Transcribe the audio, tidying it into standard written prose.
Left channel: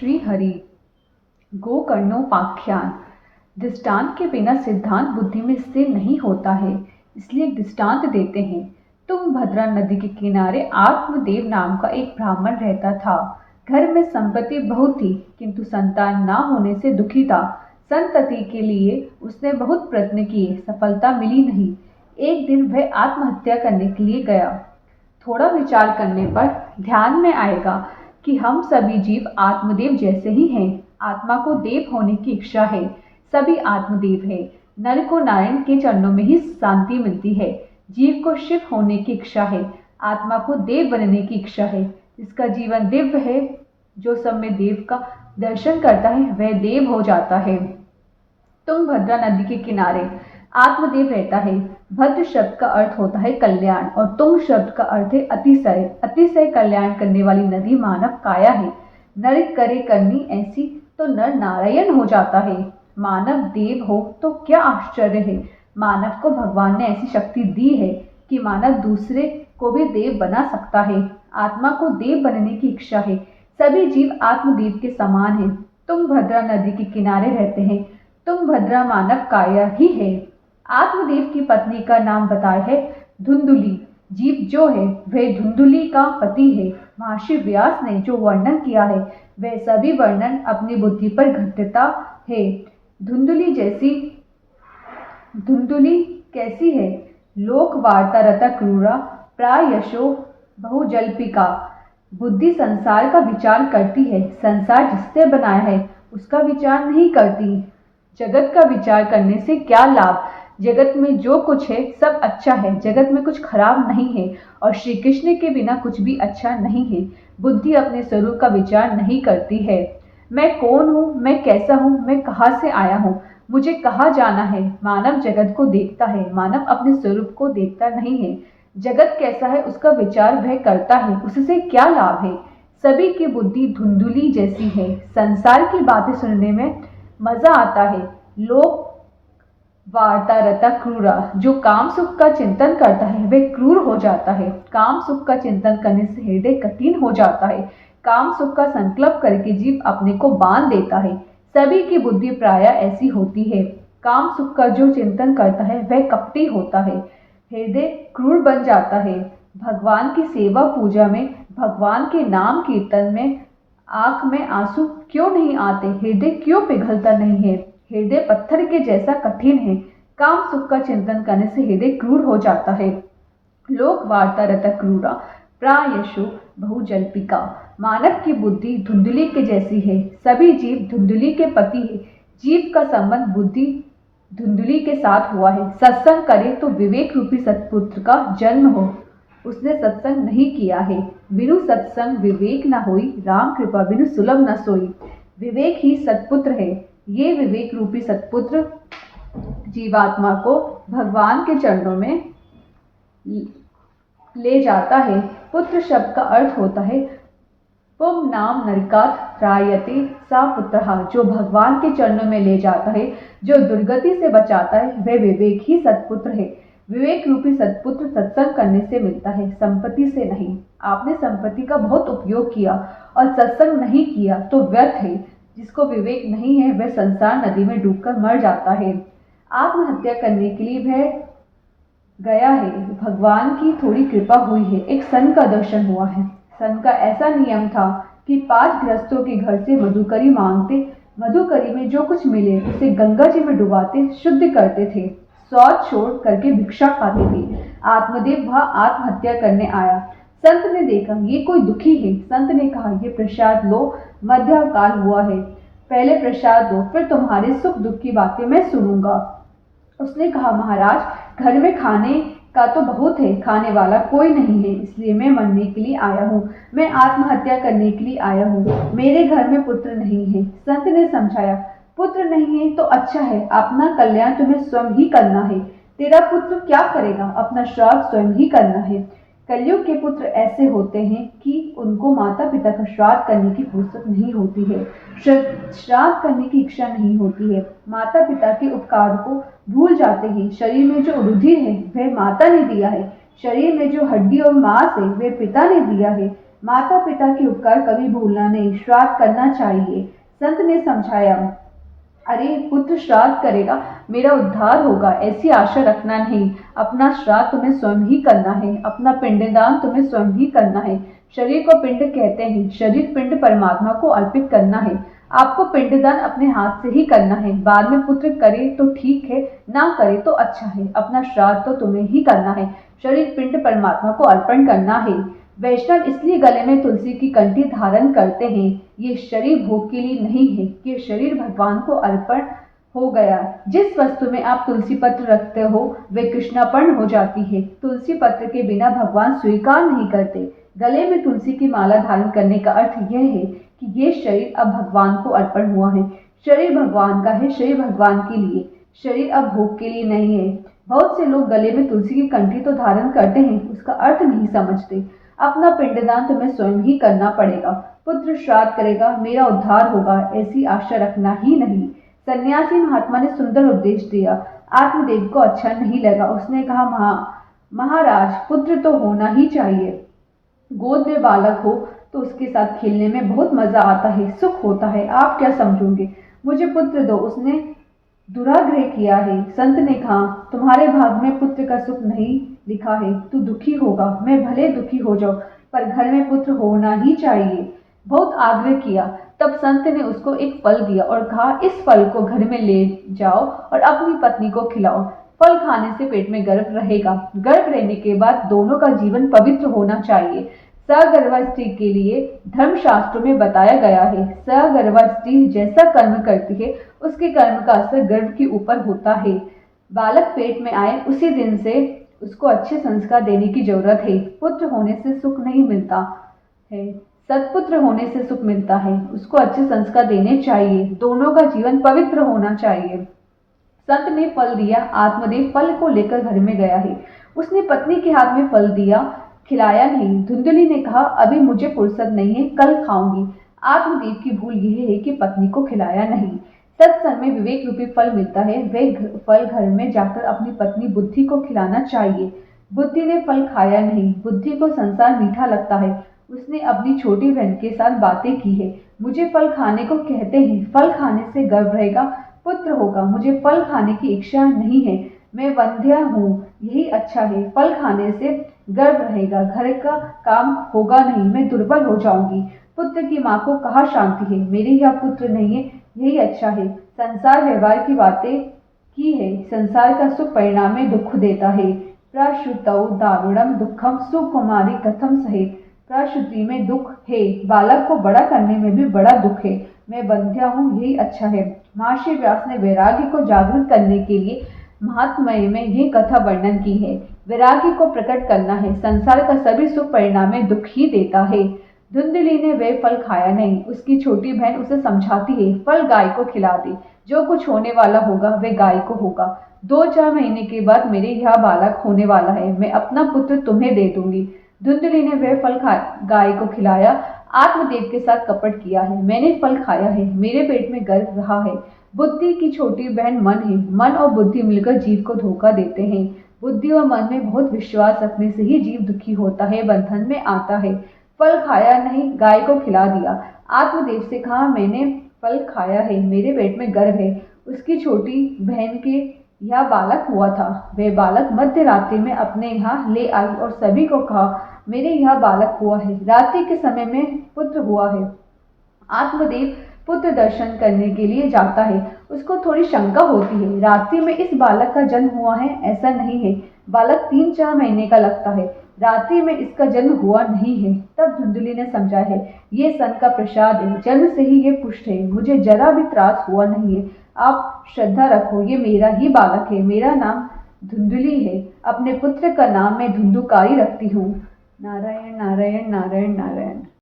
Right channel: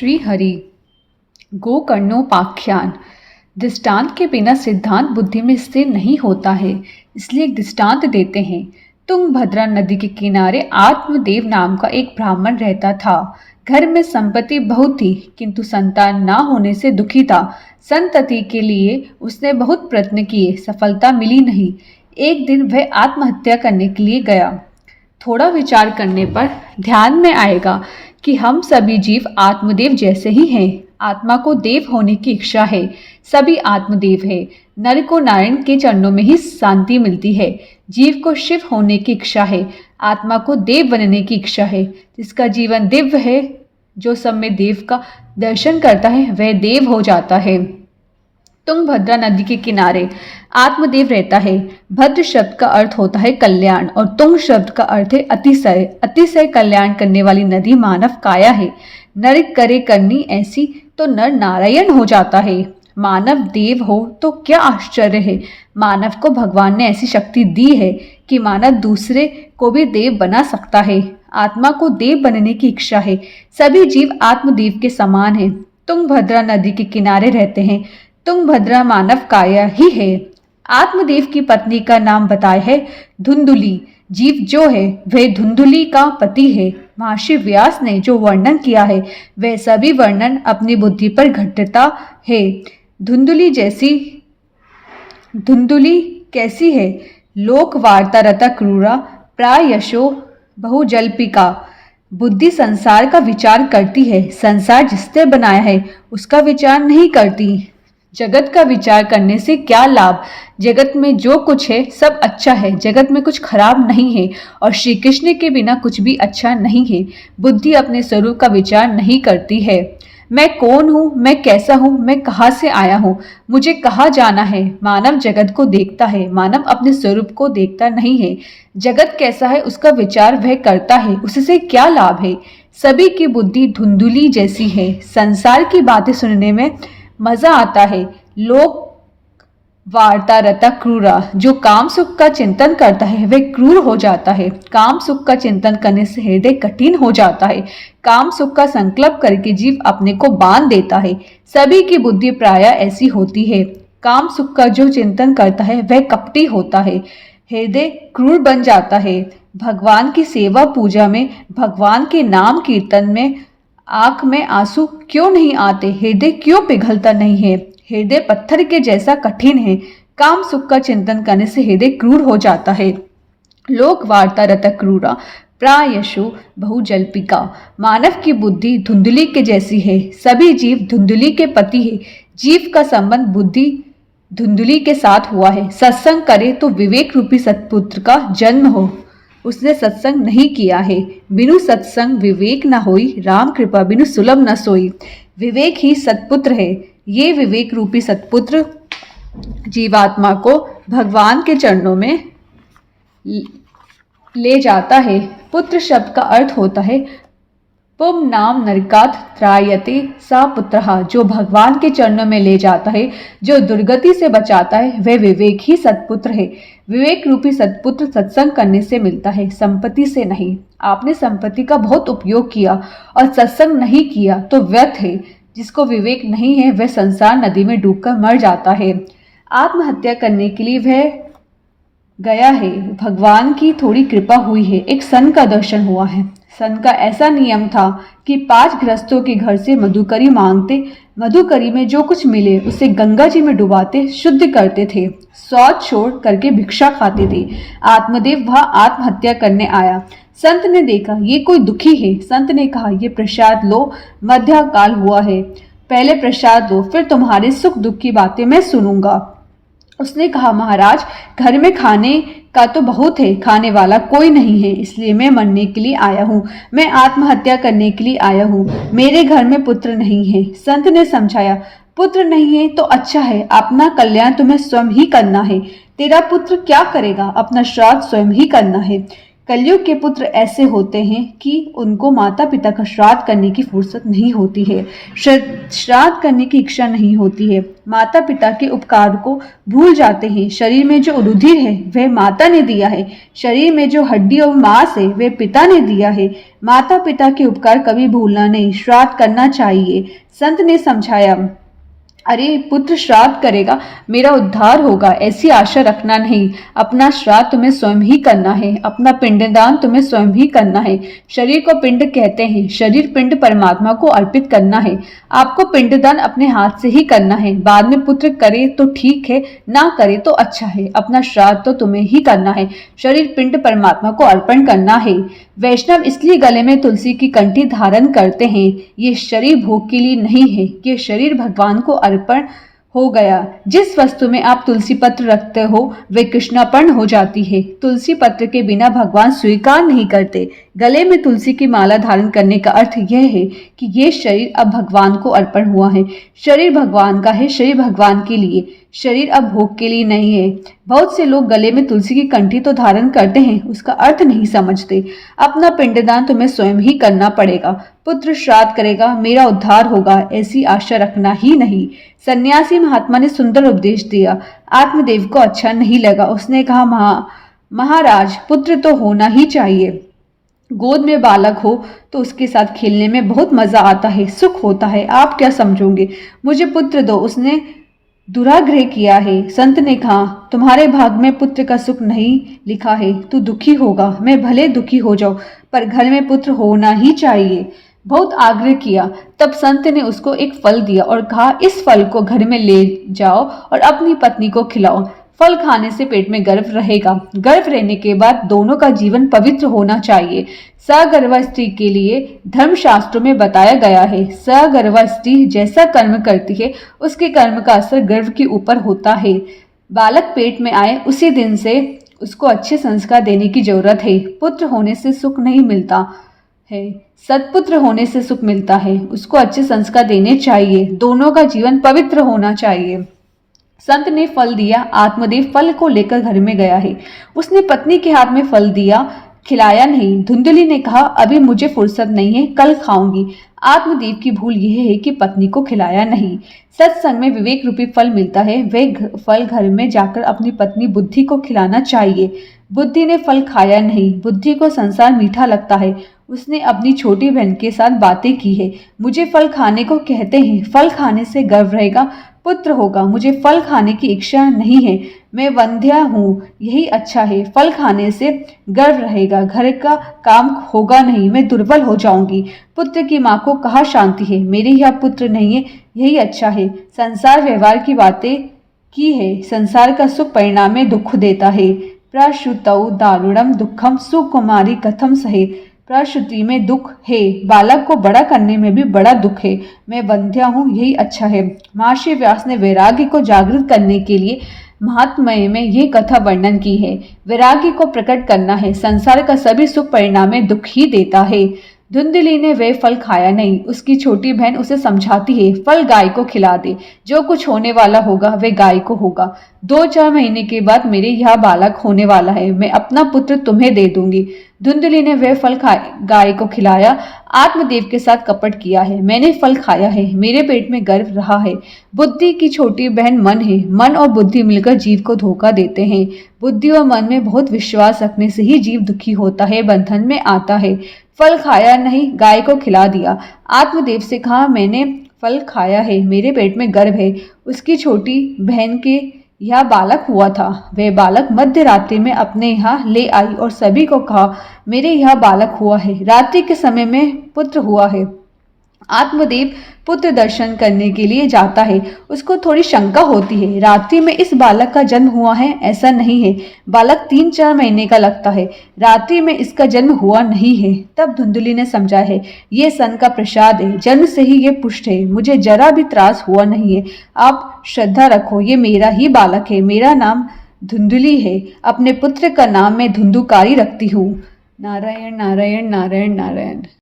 श्री हरि गोकर्णोपाख्यान। दृष्टांत के बिना सिद्धांत बुद्धि में स्थिर नहीं होता है, इसलिए एक दृष्टांत देते हैं। तुंगभद्रा नदी के किनारे आत्मदेव नाम का एक ब्राह्मण रहता था। घर में संपत्ति बहुत थी, किंतु संतान ना होने से दुखी था। संतति के लिए उसने बहुत प्रयत्न किए, सफलता मिली नहीं। एक दिन वह आत्महत्या करने के लिए गया। थोड़ा विचार करने पर ध्यान में आएगा कि हम सभी जीव आत्मदेव जैसे ही हैं। आत्मा को देव होने की इच्छा है, सभी आत्मदेव है। नर को नारायण के चरणों में ही शांति मिलती है। जीव को शिव होने की इच्छा है, आत्मा को देव बनने की इच्छा है। जिसका जीवन दिव्य है, जो सब में देव का दर्शन करता है, वह देव हो जाता है। तुंगभद्रा नदी के किनारे आत्मदेव रहता है। भद्र शब्द का अर्थ होता है कल्याण और तुंग शब्द का अर्थ है अतिशय। अतिशय कल्याण करने वाली नदी मानव काया है। नर करे करनी ऐसी तो नर नारायण हो जाता है। मानव देव हो तो क्या आश्चर्य है। मानव को भगवान ने ऐसी शक्ति दी है कि मानव दूसरे को भी देव बना सकता है। आत्मा को देव बनने की इच्छा है। सभी जीव आत्मदेव के समान है। तुंगभद्रा नदी के किनारे रहते हैं। तुंगभद्रा मानव काया ही है। आत्मदेव की पत्नी का नाम बताया है धुंधुली। जीव जो है वह धुंधुली का पति है। महर्षि व्यास ने जो वर्णन किया है वह सभी वर्णन अपनी बुद्धि पर घटता है। धुंधुली कैसी है? लोक वार्ता रता क्रूरा प्रायशो बहुजल्पिका। बुद्धि संसार का विचार करती है, संसार जिसने बनाया है उसका विचार नहीं करती। जगत का विचार करने से क्या लाभ? जगत में जो कुछ है सब अच्छा है, जगत में कुछ खराब नहीं है और श्री कृष्ण के बिना कुछ भी अच्छा नहीं है। बुद्धि अपने स्वरूप का विचार नहीं करती है। मैं कौन हूँ, मैं कैसा हूँ, मैं कहाँ से आया हूँ, मुझे कहाँ जाना है। मानव जगत को देखता है, मानव अपने स्वरूप को देखता नहीं है। जगत कैसा है उसका विचार वह करता है, उससे क्या लाभ है? सभी की बुद्धि धुंधुली जैसी है। संसार की बातें सुनने में मजा आता है। लोक वार्ता रता क्रूरा। जो काम सुख का चिंतन करता है वह क्रूर हो जाता है। काम सुख का चिंतन करने से हृदय कठिन हो जाता है। काम सुख का संकल्प करके जीव अपने को बांध देता है। सभी की बुद्धि प्राय ऐसी होती है। काम सुख का जो चिंतन करता है वह कपटी होता है, हृदय क्रूर बन जाता है। भगवान की सेवा पूजा में, भगवान के नाम कीर्तन में आंख में आंसू क्यों नहीं आते? हृदय क्यों पिघलता नहीं है? हृदय पत्थर के जैसा कठिन है। काम सुख का चिंतन करने से हृदय क्रूर हो जाता है। लोक वार्ता रत क्रूरा प्रायशु बहुजल्पिका। मानव की बुद्धि धुंधली के जैसी है। सभी जीव धुंधली के पति है। जीव का संबंध बुद्धि धुंधली के साथ हुआ है। सत्संग करे तो विवेक रूपी सत्पुत्र का जन्म हो। उसने सत्संग नहीं किया है। बिनु सत्संग विवेक न होई, राम कृपा बिनु सुलभ न सोई। विवेक ही सत्पुत्र है। ये विवेक रूपी सत्पुत्र जीवात्मा को भगवान के चरणों में ले जाता है। पुत्र शब्द का अर्थ होता है पुम नाम नरकात त्रायते सा पुत्रहा। जो भगवान के चरणों में ले जाता है, जो दुर्गति से बचाता है, वह विवेक ही सत्पुत्र है। विवेक रूपी सत्पुत्र सत्संग करने से मिलता है, संपत्ति से नहीं। आपने संपत्ति का बहुत उपयोग किया और सत्संग नहीं किया तो व्यर्थ है। जिसको विवेक नहीं है वह संसार नदी में डूबकर मर जाता है। आत्महत्या करने के लिए वह गया है। भगवान की थोड़ी कृपा हुई है। एक सन का दर्शन हुआ है। सन का ऐसा नियम था कि 5 गृहस्थों के घर से मधुकरी मांगते, मधुकरी में जो कुछ मिले उसे गंगा जी में डुबाते, शुद्ध करते थे, शौच छोड़ करके भिक्षा खाते थे। आत्मदेव वहां आत्महत्या करने आया। संत ने देखा ये कोई दुखी है। संत ने कहा ये प्रसाद लो, मध्य काल हुआ है, पहले प्रसाद लो, फिर तुम्हारे सुख दुख की बातें मैं सुनूंगा। उसने कहा महाराज, घर में खाने का तो बहुत है, खाने वाला कोई नहीं है, इसलिए मैं मरने के लिए आया हूँ, मैं आत्महत्या करने के लिए आया हूँ। मेरे घर में पुत्र नहीं है। संत ने समझाया पुत्र नहीं है तो अच्छा है, अपना कल्याण तुम्हें स्वयं ही करना है। तेरा पुत्र क्या करेगा? अपना श्राद्ध स्वयं ही करना है। कलयुग के पुत्र ऐसे होते हैं कि उनको माता पिता का श्राद्ध करने की फुर्सत नहीं होती है, श्राद्ध करने की इच्छा नहीं होती है, माता पिता के उपकार को भूल जाते हैं। शरीर में जो रुधिर है वह माता ने दिया है, शरीर में जो हड्डी और मांस है वह पिता ने दिया है। माता पिता के उपकार कभी भूलना नहीं, श्राद्ध करना चाहिए। संत ने समझाया, अरे पुत्र श्राद्ध करेगा मेरा उद्धार होगा, ऐसी आशा रखना नहीं। अपना श्राद्ध तुम्हें स्वयं ही करना है, अपना पिंडदान तुम्हें स्वयं ही करना है। शरीर को पिंड कहते हैं, शरीर पिंड परमात्मा को अर्पित करना है। आपको पिंडदान अपने हाथ से ही करना है। बाद में पुत्र करे तो ठीक है, ना करे तो अच्छा है। अपना श्राद्ध तो तुम्हें ही करना है, शरीर पिंड परमात्मा को अर्पण करना है। वैष्णव इसलिए गले में तुलसी की कंठी धारण करते हैं। ये शरीर भोग के लिए नहीं है, ये शरीर भगवान को अर्पण हो गया। जिस वस्तु में आप तुलसी पत्र रखते हो वे कृष्णार्पण हो जाती है। तुलसी पत्र के बिना भगवान स्वीकार नहीं करते। गले में तुलसी की माला धारण करने का अर्थ यह है कि ये शरीर अब भगवान को अर्पण हुआ है। शरीर भगवान का है, शरीर भगवान के लिए, शरीर अब भोग के लिए नहीं है। बहुत से लोग गले में तुलसी की कंठी तो धारण करते हैं, उसका अर्थ नहीं समझते। अपना पिंडदान तुम्हें स्वयं ही करना पड़ेगा। पुत्र श्राद्ध करेगा मेरा उद्धार होगा, ऐसी आशा रखना ही नहीं। सन्यासी महात्मा ने सुंदर उपदेश दिया। आत्मदेव को अच्छा नहीं लगा। उसने कहा, महाराज पुत्र तो होना ही चाहिए। गोद में बालक हो तो उसके साथ खेलने में बहुत मजा आता है, सुख होता है। आप क्या समझोगे? मुझे पुत्र दो। उसने दुराग्रह किया है। संत ने कहा, तुम्हारे भाग में पुत्र का सुख नहीं लिखा है, तू दुखी होगा। मैं भले दुखी हो जाऊं, पर घर में पुत्र होना ही चाहिए। बहुत आग्रह किया। तब संत ने उसको एक फल दिया और कहा, इस फल को घर में ले जाओ और अपनी पत्नी को खिलाओ। फल खाने से पेट में गर्भ रहेगा। गर्भ रहने के बाद दोनों का जीवन पवित्र होना चाहिए। सगर्भा स्त्री के लिए धर्मशास्त्रों में बताया गया है, सगर्भा स्त्री जैसा कर्म करती है उसके कर्म का असर गर्भ के ऊपर होता है। बालक पेट में आए उसी दिन से उसको अच्छे संस्कार देने की जरूरत है। पुत्र होने से सुख नहीं मिलता है, सत्पुत्र होने से सुख मिलता है। उसको अच्छे संस्कार देने चाहिए। दोनों का जीवन पवित्र होना चाहिए। संत ने फल दिया। आत्मदेव फल को लेकर घर में गया है। उसने पत्नी के हाथ में फल दिया, खिलाया नहीं। धुंधली ने कहा, अभी मुझे फुर्सत नहीं है, कल खाऊंगी। आत्मदेव की भूल यह है कि पत्नी को खिलाया नहीं। सत्संग में विवेक रूपी फल मिलता है, वह फल घर में जाकर अपनी पत्नी बुद्धि को खिलाना चाहिए। बुद्धि ने फल खाया नहीं। बुद्धि को संसार मीठा लगता है। उसने अपनी छोटी बहन के साथ बातें की है। मुझे फल खाने को कहते हैं, फल खाने से गर्व रहेगा, पुत्र होगा। मुझे फल खाने की इच्छा नहीं है, मैं वंध्या हूँ, यही अच्छा है। फल खाने से गर्व रहेगा, घर का काम होगा नहीं, मैं दुर्बल हो जाऊंगी। पुत्र की माँ को कहाँ शांति है, मेरे यहाँ पुत्र नहीं है, यही अच्छा है। संसार व्यवहार की बातें की है, संसार का सुख परिणाम में दुख देता है। प्रश्रुतौ दारुणम दुखम सुकुमारी कथम सहे। प्रसूति में दुख है, बालक को बड़ा करने में भी बड़ा दुख है। मैं बंध्या हूँ, यही अच्छा है। महर्षि व्यास ने वैराग्य को जागृत करने के लिए महात्म्य में यह कथा वर्णन की है। वैराग्य को प्रकट करना है। संसार का सभी सुख परिणाम में दुख ही देता है। धुंधली ने वे फल खाया नहीं। उसकी छोटी बहन उसे समझाती है, फल गाय को खिला दे, जो कुछ होने वाला होगा वह गाय को होगा। 2-4 महीने के बाद मेरे यहाँ बालक होने वाला है, मैं अपना पुत्र तुम्हें दे दूंगी। धुंधली ने वह फल गाय को खिलाया। आत्मदेव के साथ कपट किया है। मैंने फल खाया है, मेरे पेट में गर्व रहा है। बुद्धि की छोटी बहन मन है। मन और बुद्धि मिलकर जीव को धोखा देते हैं। बुद्धि और मन में बहुत विश्वास रखने से ही जीव दुखी होता है, बंधन में आता है। फल खाया नहीं, गाय को खिला दिया। आत्मदेव से कहा, मैंने फल खाया है, मेरे पेट में गर्भ है। उसकी छोटी बहन के यह बालक हुआ था। वह बालक मध्य रात्रि में अपने यहाँ ले आई और सभी को कहा, मेरे यहाँ बालक हुआ है, रात्रि के समय में पुत्र हुआ है। आत्मदेव पुत्र दर्शन करने के लिए जाता है। उसको थोड़ी शंका होती है, रात्रि में इस बालक का जन्म हुआ है, ऐसा नहीं है। बालक 3-4 महीने का लगता है, रात्रि में इसका जन्म हुआ नहीं है। तब धुंधली ने समझा है, ये सन का प्रसाद है, जन्म से ही ये पुष्ट है, मुझे जरा भी त्रास हुआ नहीं है। आप श्रद्धा रखो, ये मेरा ही बालक है, मेरा नाम धुंधली है। अपने पुत्र का नाम मैं धुंधुकारी रखती हूँ। नारायण नारायण नारायण नारायण।